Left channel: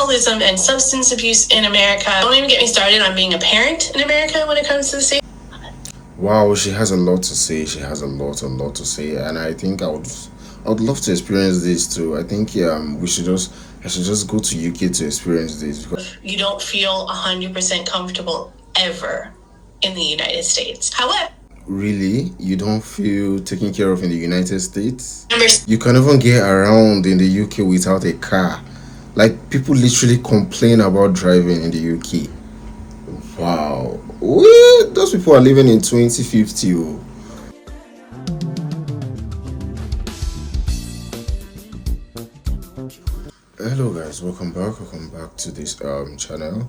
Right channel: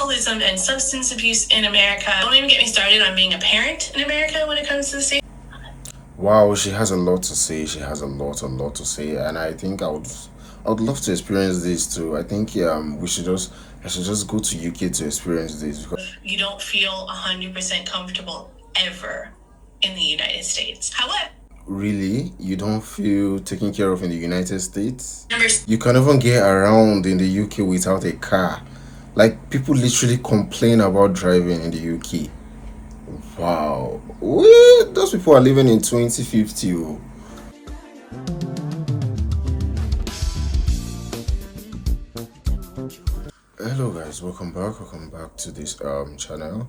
alcoholism and substance abuse in America. Don't even get me started on being a parent in America when it comes to the safety. Wow, she has a lot to say. She has a lot to say, and I think I would love to experience this too. I think I should just go to UK to experience this because You don't feel 100% comfortable ever in the United States. However, really, you don't feel taken care of in the United States. members You can even get around in the UK without a car. Like people literally complain about driving in the UK. Wow, those people are living in 2050. Oh. Hello guys, welcome back to this channel.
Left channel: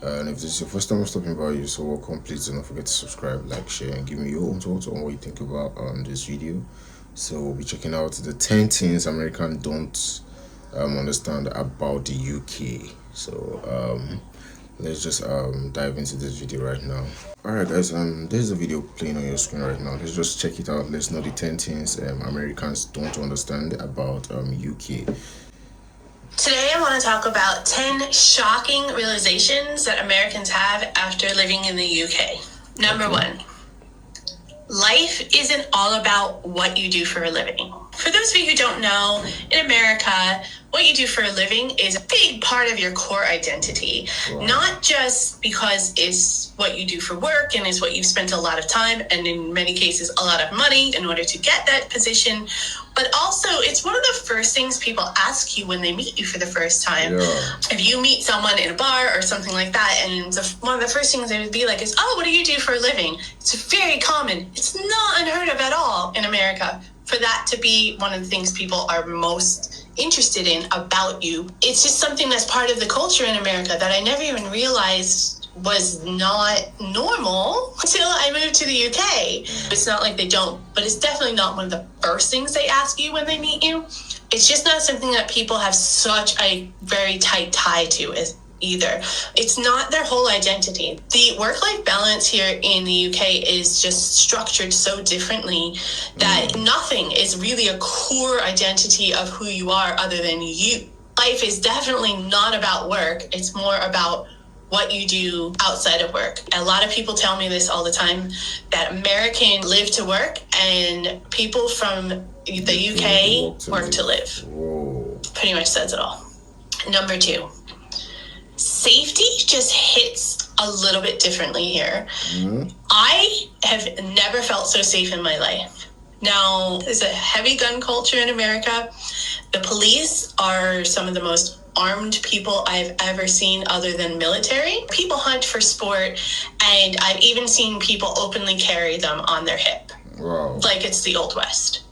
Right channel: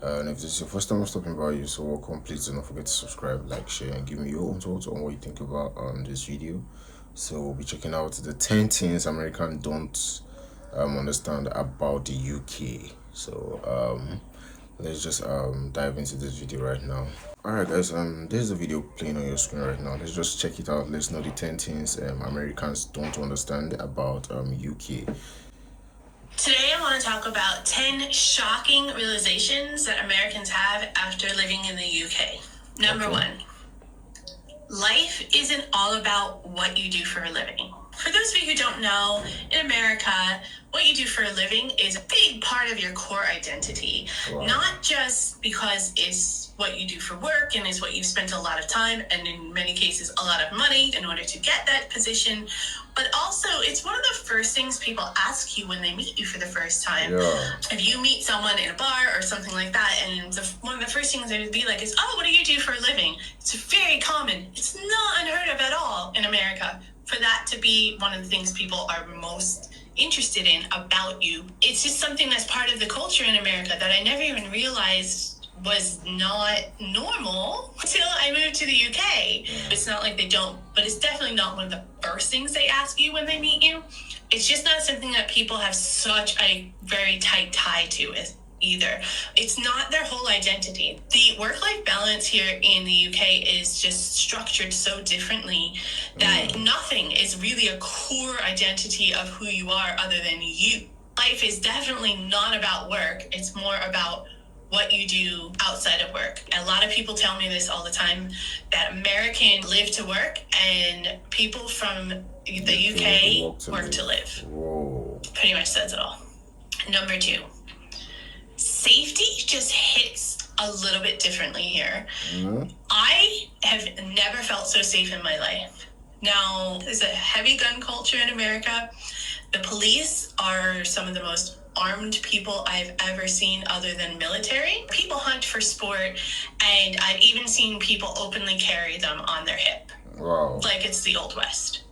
And if this is your first time stopping by, you so welcome. Please do not forget to subscribe, like, share, and give me your own thoughts on what you think about this video. So we'll be checking out the 10 things Americans don't understand about the UK. So let's just dive into this video right now. Alright guys, there's a video playing on your screen right now. Let's just check it out. Let's know the 10 things Americans don't understand about UK. Today I want to talk about 10 shocking realizations that Americans have after living in the UK. Number one, life isn't all about what you do for a living. For those of you who don't know, in America, what you do for a living is a big part of your core identity. Wow. Not just because it's what you do for work and is what you've spent a lot of time and in many cases a lot of money in order to get that position, but also it's one of the first things people ask you when they meet you for the first time. Yeah. If you meet someone in a bar or something like that, and one of the first things they would be like is, oh, what do you do for a living? It's very common. It's not unheard of at all in America for that to be one of the things people are most interested in about you. It's just something that's part of the culture in America that I never even realized was not normal until I moved to the UK. It's not like they don't, but it's definitely not one of the first things they ask you when they meet you. It's just not something that people have such a very tight tie to as either. It's not their whole identity. The work-life balance here in the UK is just structured so differently that nothing is really a core identity of who you are other than you. Life is definitely not about work. It's more about what you do outside of work. A lot of people tell me this all the time, that Americans live to work and people from the UK work to live. Whoa. Pretty much says it all. Number two, safety just hits a little bit differently here. I have never felt so safe in my life. Now, there's a heavy gun culture in America. The police are some of the most armed people I've ever seen other than military. People hunt for sport, and I've even seen people openly carry them on their hip. Wow. Like it's the Old West.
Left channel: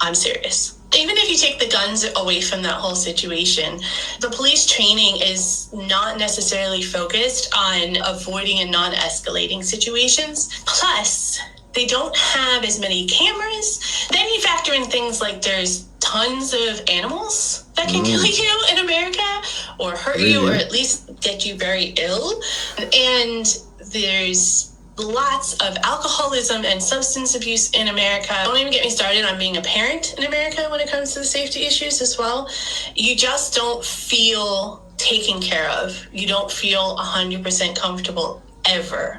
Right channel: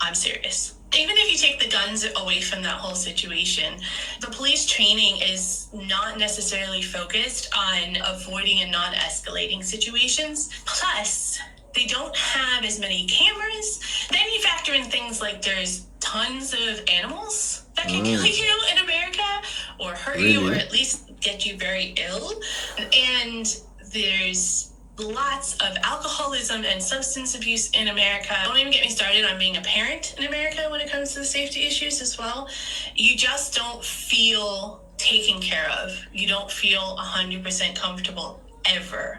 I'm serious. Even if you take the guns away from that whole situation, the police training is not necessarily focused on avoiding and non-escalating situations. Plus, they don't have as many cameras. Then you factor in things like there's tons of animals that can kill you in America or hurt you or at least get you very ill. And there's lots of alcoholism and substance abuse in America. Don't even get me started on being a parent in America when it comes to the safety issues as well. You just don't feel taken care of. You don't feel 100% comfortable ever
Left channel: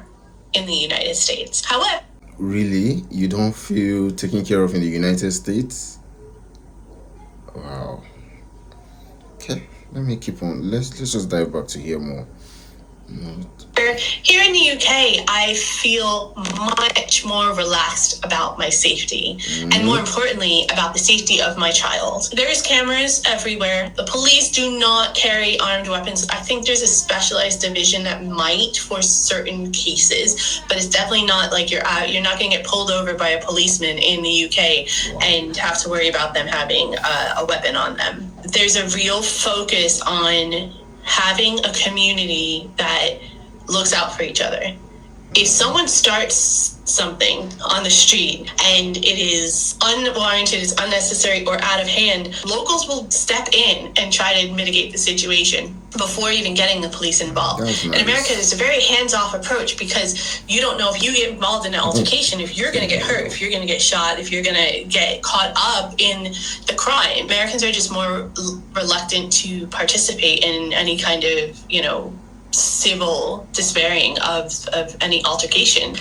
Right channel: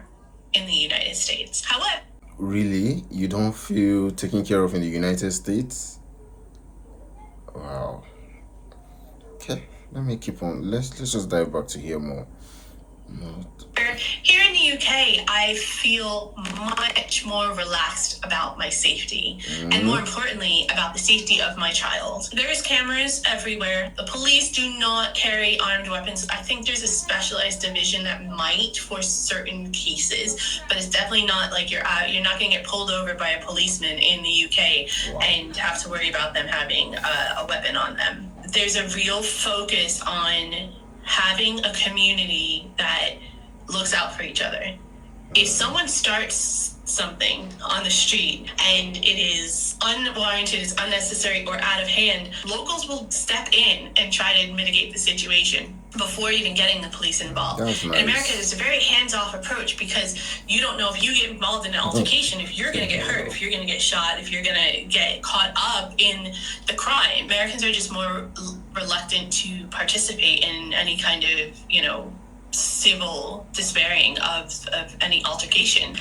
in the United States. However, Really, you don't feel taken care of in the United States? Wow. Okay, let me keep on. Let's just dive back to hear more. here in the UK, I feel much more relaxed about my safety and more importantly, about the safety of my child. There's cameras everywhere. The police do not carry armed weapons. I think there's a specialized division that might for certain cases, but it's definitely not like you're not going to get pulled over by a policeman in the UK and have to worry about them having a weapon on them. There's a real focus on having a community that looks out for each other. If someone starts something on the street and it is unwarranted, it's unnecessary, or out of hand, locals will step in and try to mitigate the situation before even getting the police involved. That's nice. In America, it's a very hands-off approach because you don't know if you get involved in an altercation, if you're going to get hurt, if you're going to get shot, if you're going to get caught up in the crime. Americans are just more reluctant to participate in any kind of, civil despairing of any altercation.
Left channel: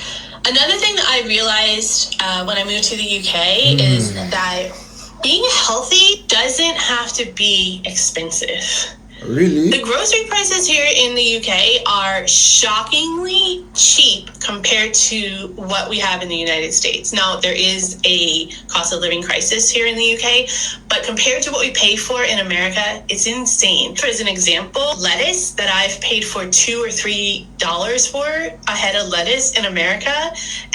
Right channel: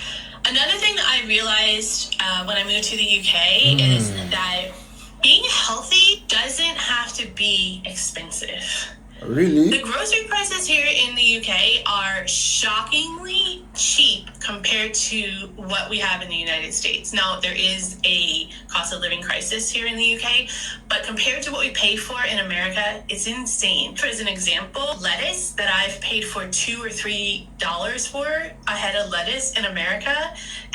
Another thing that I realized when I moved to the UK is that being healthy doesn't have to be expensive. Really? The grocery prices here in the UK are shockingly cheap compared to what we have in the United States. Now, there is a cost of living crisis here in the UK, but compared to what we pay for in America, it's insane. For as an example, lettuce that I've paid for $2 or $3 for a head of lettuce in America,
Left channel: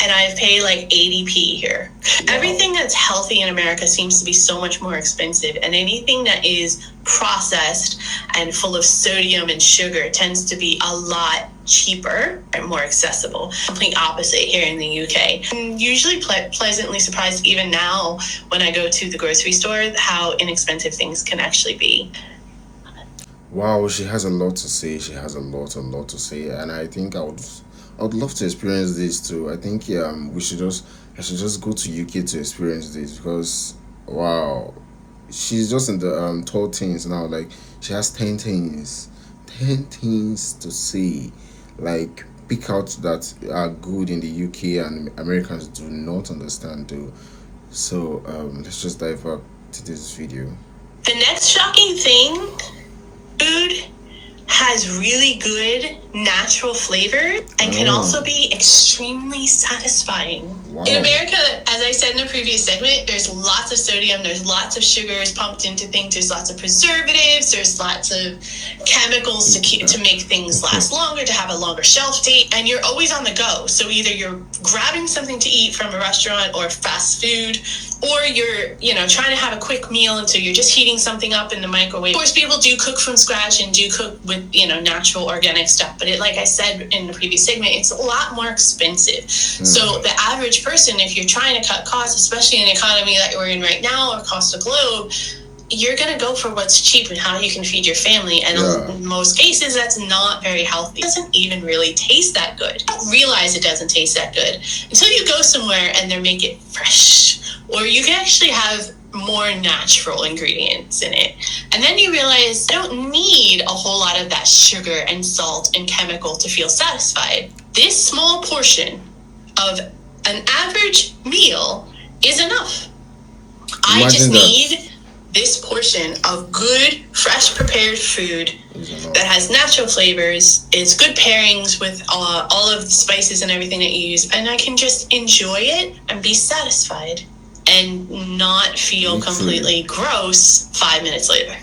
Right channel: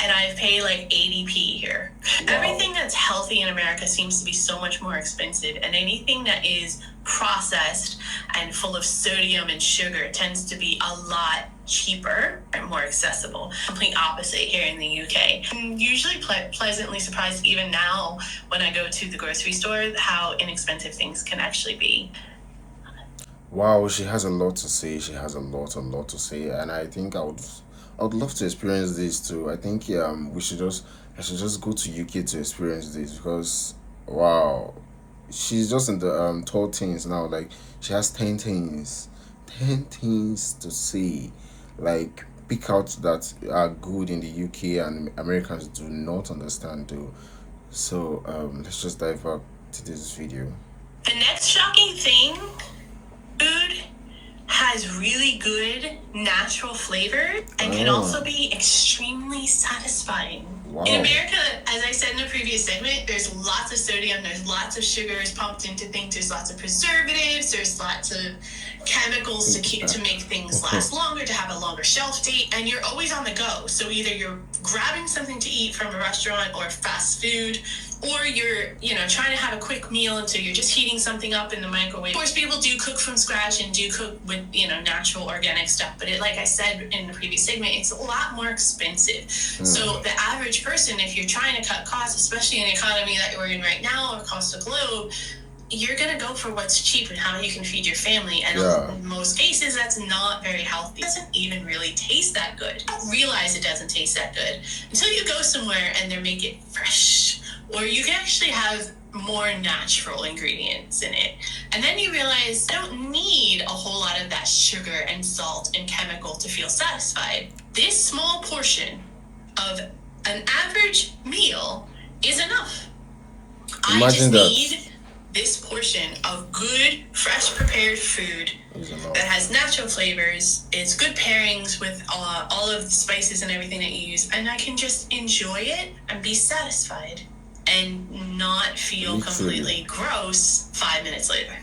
and I've paid like 80p here. Wow. Everything that's healthy in America seems to be so much more expensive, and anything that is processed and full of sodium and sugar tends to be a lot cheaper and more accessible. Complete opposite here in the UK. I'm usually pleasantly surprised even now when I go to the grocery store how inexpensive things can actually be. Wow, she has a lot to say. She has a lot to say, and I think I would love to experience this too. I think I should just go to UK to experience this because wow, she's just in the 12 teens now. Like she has 10 things to say. Like pick out that are good in the UK and Americans do not understand though. So let's just dive up to this video. The next shocking thing, food has really good natural flavor and can also be extremely satisfying. Wow. In America, as I said in the previous segment, there's lots of sodium, there's lots of sugars pumped into things, there's lots of preservatives, there's lots of chemicals to make things last longer, to have a longer shelf date, and you're always on the go. So either you're grabbing something to eat from a restaurant or fast food, or you're, trying to have a quick meal, and so you're just heating something up in the microwave. Of course, people do cook from scratch and do cook with, natural organic stuff, but like I said in the previous segment, it's a lot more expensive. So the average person, if you're trying to cut costs, especially in the economy that we're in right now across the globe, you're going to go for what's cheap and how you can feed your family. And in most cases, that's not very healthy. It doesn't even really taste that good. You don't realize it doesn't taste that good until you go somewhere and they make it fresh, or you can actually have more natural ingredients in it. And then you realize I don't need a whole lot of that sugar and salt and chemical to feel satisfied. This small portion of an average meal is enough. I just need this portion of good, fresh prepared food that has natural flavors. It's good pairings with all of the spices and everything that you use, and I can just enjoy it and be satisfied and not feel completely gross 5 minutes later.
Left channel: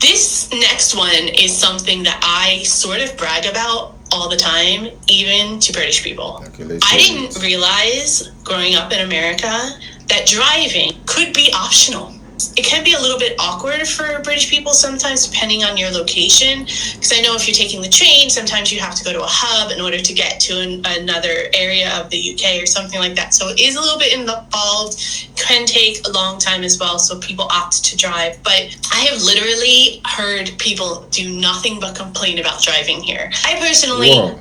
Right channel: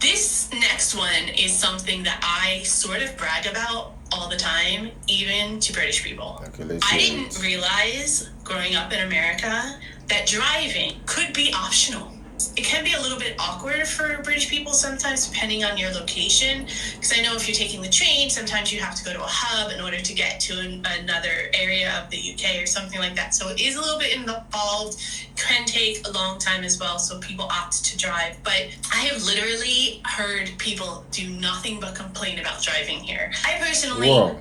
This next one is something that I sort of brag about all the time, even to British people. I didn't realize growing up in America that driving could be optional. It can be a little bit awkward for British people sometimes, depending on your location. Because I know if you're taking the train, sometimes you have to go to a hub in order to get to another area of the UK or something like that. So it is a little bit involved, can take a long time as well. So people opt to drive. But I have literally heard people do nothing but complain about driving here. I personally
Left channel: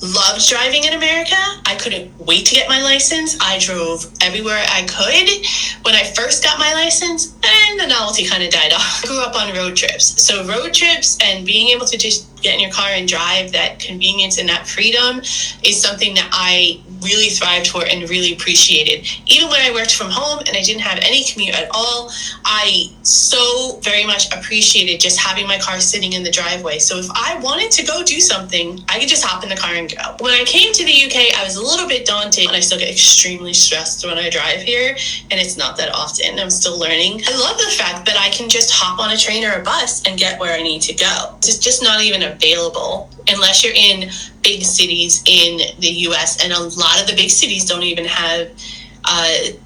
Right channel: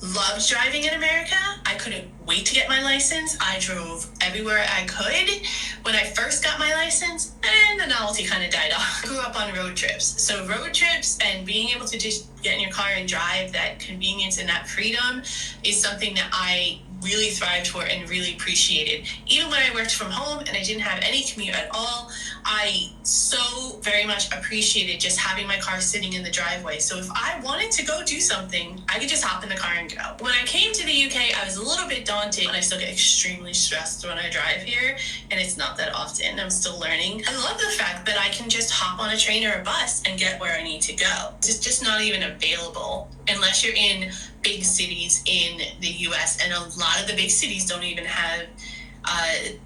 loved driving in America. I couldn't wait to get my license. I drove everywhere I could when I first got my license, and the novelty kind of died off. I grew up on road trips. So road trips and being able to just get in your car and drive, that convenience and that freedom is something that I really thrived for and really appreciated. Even when I worked from home and I didn't have any commute at all, I so very much appreciated just having my car sitting in the driveway. So if I wanted to go do something, I could just hop in the car and go. When I came to the UK, I was a little bit daunted, and I still get extremely stressed when I drive here, and it's not that often. I'm still learning. I love the fact that I can just hop on a train or a bus and get where I need to go. It's just not even available unless you're in big cities in the US, and a lot of the big cities don't even have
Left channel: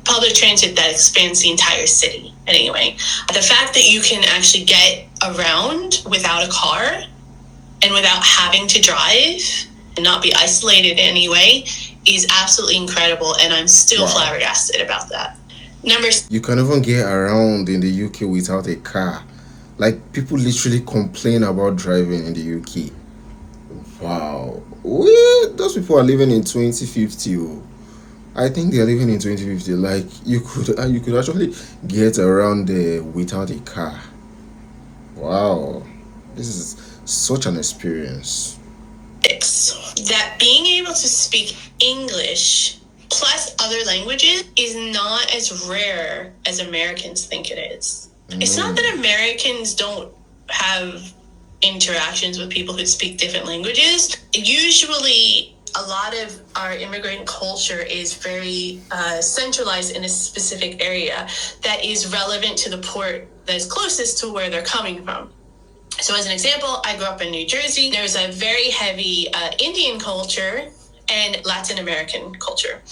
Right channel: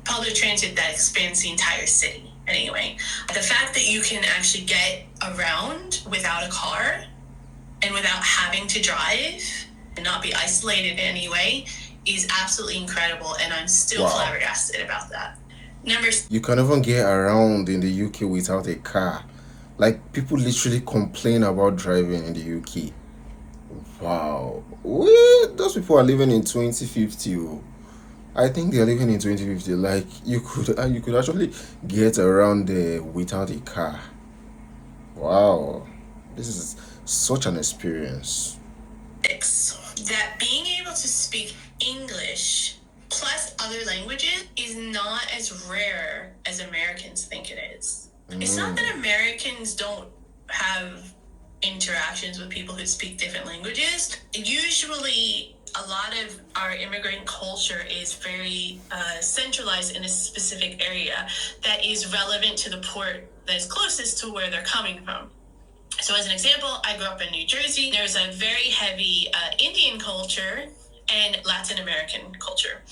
public transit that expands the entire city. Anyway, the fact that you can actually get around without a car and without having to drive and not be isolated in any way is absolutely incredible, and I'm still flabbergasted about that. You can even get around in the UK without a car. Like, people literally complain about driving in the UK. Wow. Those people are living in 2050. Oh. I think they're living in 2050. Like, you could actually get around there without a car. Wow. This is such an experience. That being able to speak English plus other languages is not as rare as Americans think it is. It's not that Americans don't have interactions with people who speak different languages. Usually, a lot of our immigrant culture is very centralized in a specific area that is relevant to the port that's closest to where they're coming from. So as an example, I grew up in New Jersey. There's a very heavy Indian culture and Latin American culture.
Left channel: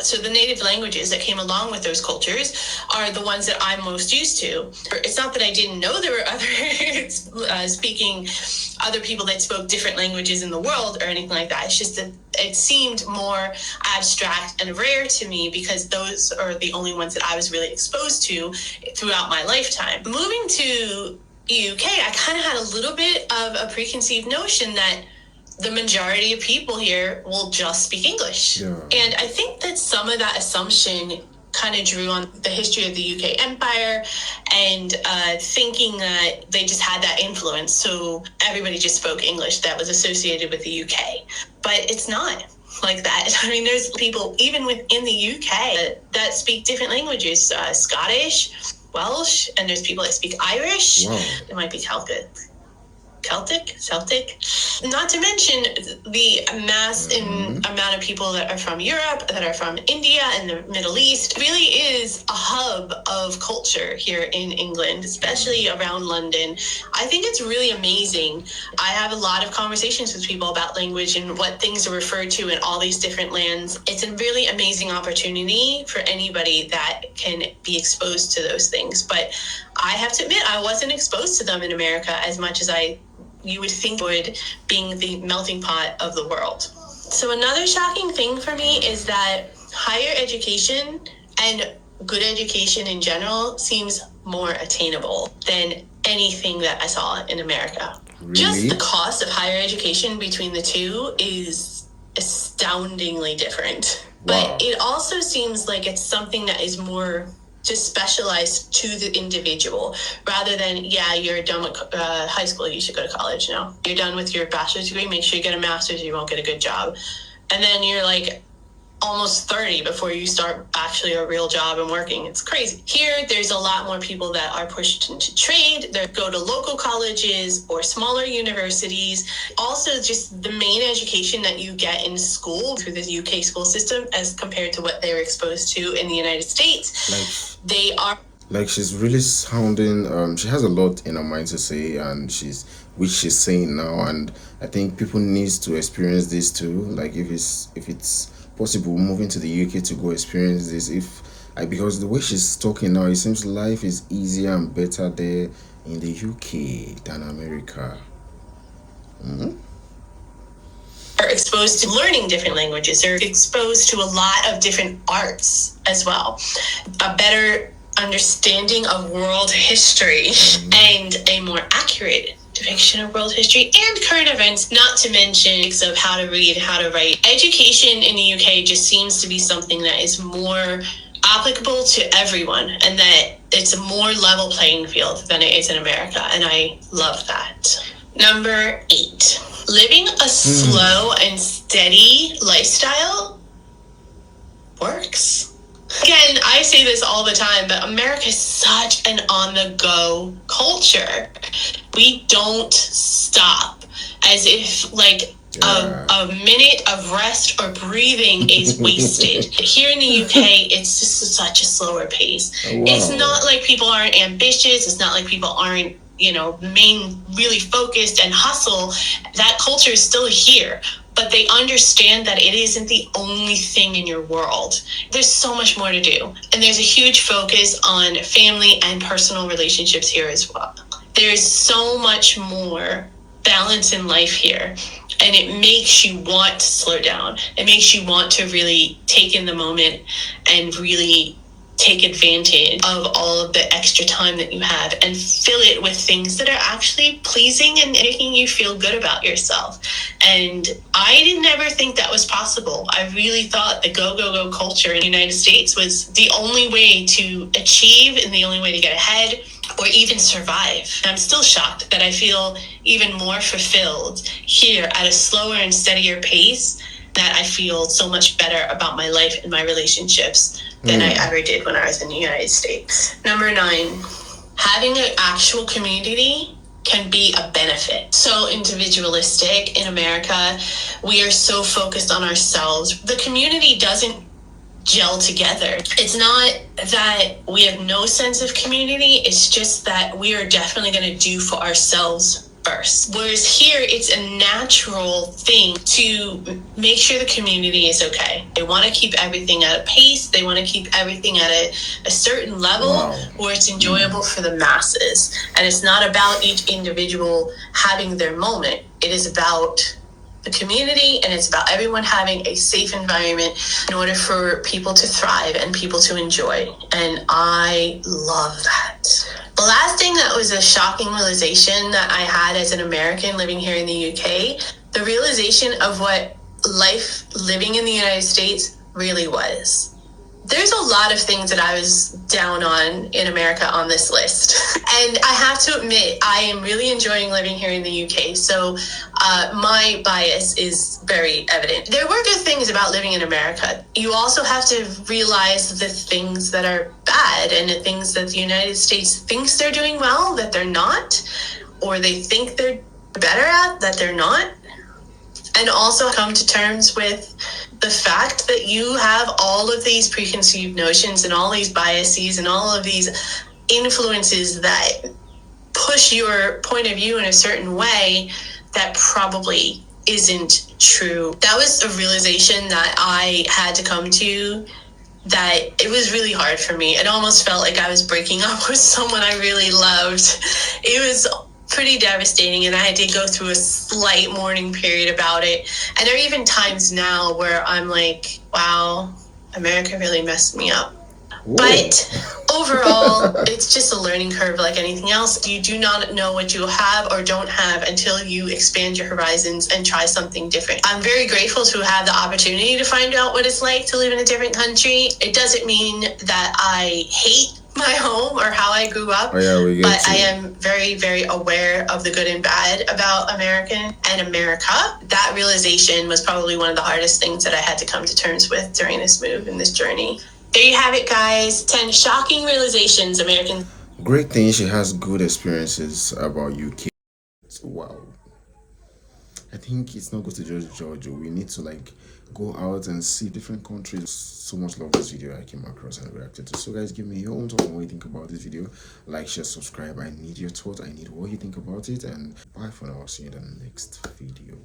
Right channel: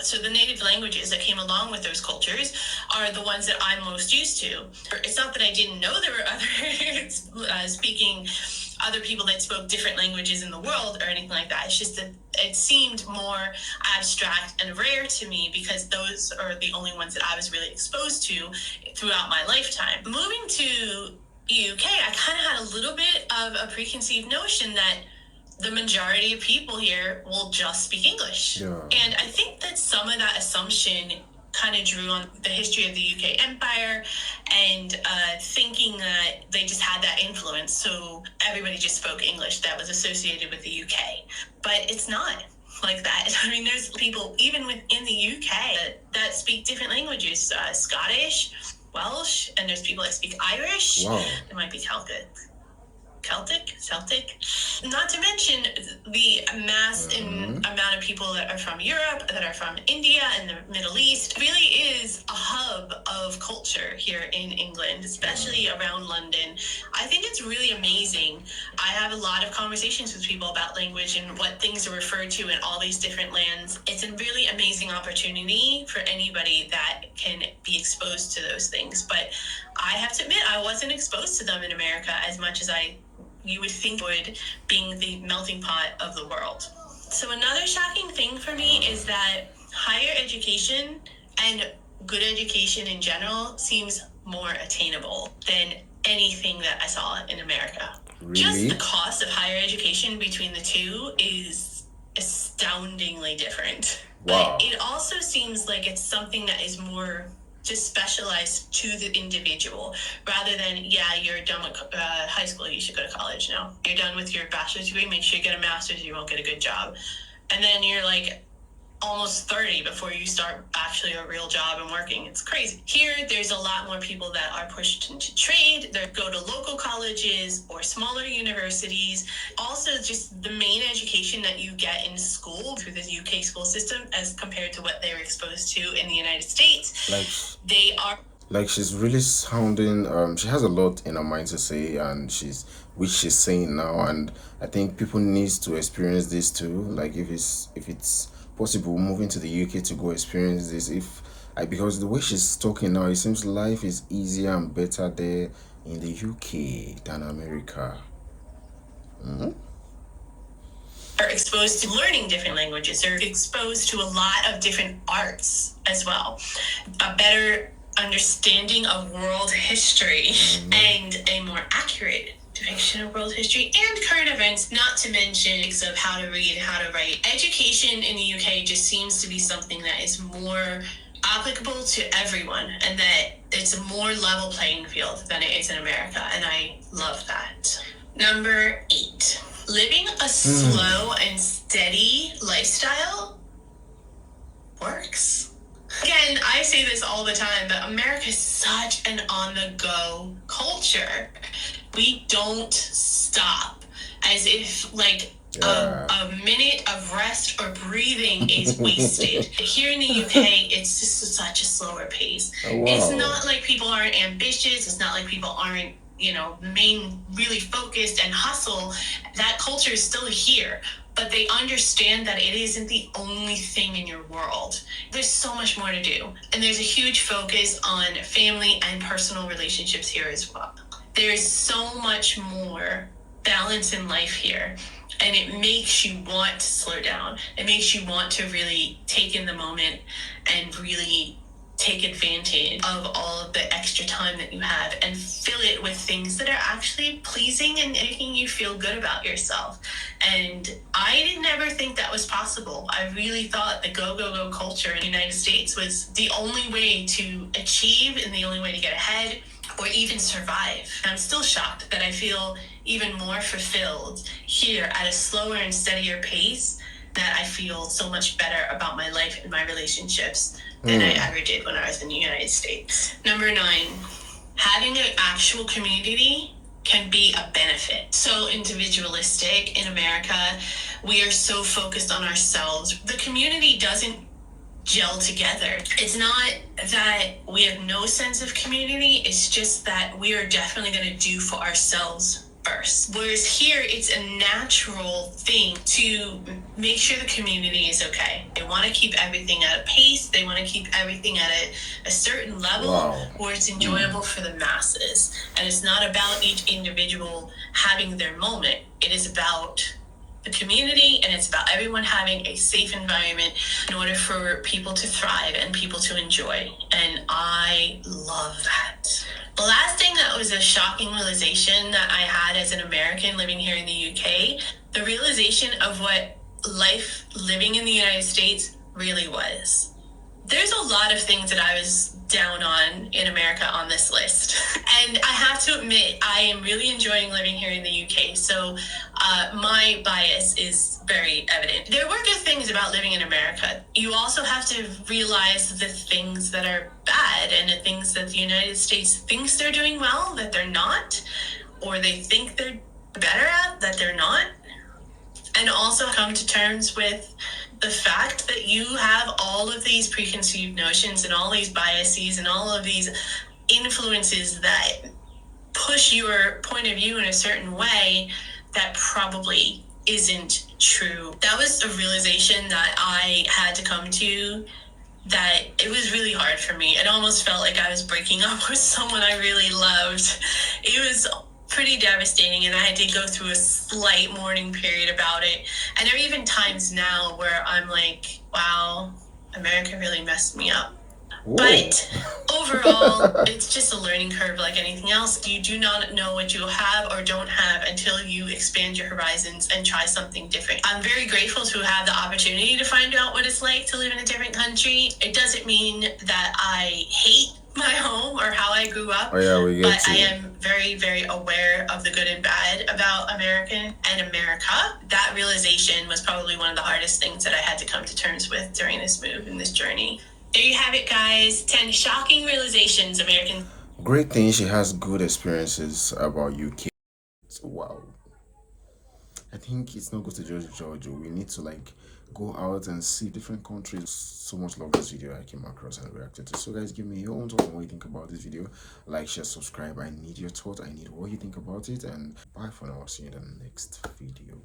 So the native languages that came along with those cultures are the ones that I'm most used to. It's not that I didn't know there were other people that spoke different languages in the world or anything like that. It's just that it seemed more abstract and rare to me because those are the only ones that I was really exposed to throughout my lifetime. Moving to UK, I kind of had a little bit of a preconceived notion that the majority of people here will just speak English. Yeah. And I think that some of that assumption kind of drew on the history of the UK empire and thinking that they just had that influence. So everybody just spoke English that was associated with the UK. But it's not like that. I mean, there's people even within the UK that speak different languages, Scottish, Welsh, and there's people that speak Irish. Wow. It might be Celtic. Not to mention the amount of people that are from Europe, that are from India and the Middle East. It really is a hub of culture here in England, especially around London. I think it's really amazing. I have a lot of conversations with people about language and what things are referred to in all these different lands. It's a really amazing opportunity for anybody that can be exposed to those things. But I have to admit, I wasn't exposed to them in America as much as you would think would, being the melting pot of the world. So another shocking thing for me is that higher education and good education in general seems more attainable than anything that I saw in America. Really? Just the cost of higher education between the two is astoundingly different. Wow. But it also seems like it's something that is more just specialized to the individual rather than, you're done with high school, you should go to college now. You're done with your bachelor's degree, make sure you get a master's, you won't get a good job. And then you're like almost 30 before you start actually a real job and working. It's crazy. Here, there's a lot more people that are pushed into trade. They go to local colleges or smaller universities. Also, just the main education that you get in school through the UK school system as compared to what they're exposed to in the United States. Like she's really sounding, she has a lot in her mind to say, and which she's saying now, and I think people needs to experience this too. Like if it's possible, moving to the UK to go experience this. Because the way she's talking now, it seems life is easier and better there in the UK than America. Are exposed to learning different languages. They're exposed to a lot of different arts as well. A better understanding of world history and a more accurate depiction of world history and current events, not to mention of how to read, how to write. Education in the UK just seems to be something that is more applicable to everyone and that it's a more level playing field than it is in America, and I love that. Number 8, living a slow and steady lifestyle works. Again, I say this all the time, but America is such an on-the-go culture. We don't stop, as if a minute of rest or breathing is wasted. Here in the UK, it's just such a slower pace. Oh, wow. It's not like people aren't ambitious. It's not like people aren't, really focused and hustle. That culture is still here. But they understand that it isn't the only thing in your world. There's so much more to do. And there's a huge focus on family and personal relationships here as well. There's so much more balance in life here, and it makes you want to slow down. It makes you want to really take in the moment and really take advantage of all of the extra time that you have and fill it with things that are actually pleasing and making you feel good about yourself. And I didn't ever think that was possible. I really thought the go, go, go culture in the United States was the only way to achieve and the only way to get ahead or even survive. I'm still shocked that I feel even more fulfilled here at a slower and steadier pace, that I feel so much better about my life and my relationships than I ever did when I was in the United States. Number 9, having an actual community can be a benefit. So individualistic in America, we are so focused on ourselves. The community doesn't gel together. It's not that we have no sense of community, it's just that we are definitely going to do for ourselves first. Whereas here, it's a natural thing to make sure the community is okay. They want to keep everything at a pace. They want to keep everything at a certain level where it's enjoyable for the masses. And it's not about each individual having their moment. It is about the community, and it's about everyone having a safe environment in order for people to thrive and people to enjoy. And I love that. The last thing that was a shocking realization that I had as an American living here in the UK, the realization of what life living in the United States really was. There's a lot of things that I was down on in America on this list. And I have to admit, I am really enjoying living here in the UK. So my bias is very evident. There were good things about living in America. You also have to realize the things that are bad and the things that the United States thinks they're doing well, that they're not, or they think they're better at, that they're not. And also come to terms with the fact that you have all of these preconceived notions and all these biases and all of these influences that push your point of view in a certain way that probably isn't true. That was a realization that I had to come to, that it was really hard for me. It almost felt like I was breaking up with someone I really loved. It was pretty devastating, and I had to go through a slight mourning period about it. And there are even times now where I'm like, wow, America really messed me up. Whoa. But overall, it's just a learning curve like anything else. You do not know what you have or don't have until you expand your horizons and try something different. I'm very grateful to have the opportunity to find out what it's like to live in a different country. It doesn't mean that I hate my home or how I grew up, but I am very, very aware of the good and bad about America and America. That realization was probably one of the hardest things that I had to come to terms with during this move and this journey. There you have it, guys. 10 shocking realizations American. Great thing, she has good experiences about UK. Wow. I think it's not good to judge Georgia. We need to go out and see different countries. So much love this video I came across and reacted to. So guys, give me your own thoughts on what you think about this video. Like, share, subscribe. I need your thoughts. I need what you think about it. And bye for now. I'll see you in the next video.